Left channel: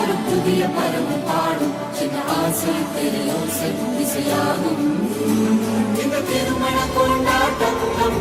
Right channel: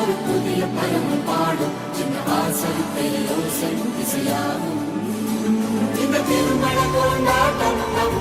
ஒரு புதிய பருவம் பாடும் என்ற ஆசை இசையாகும் இந்த திருமண கொண்டாட்டம் நம்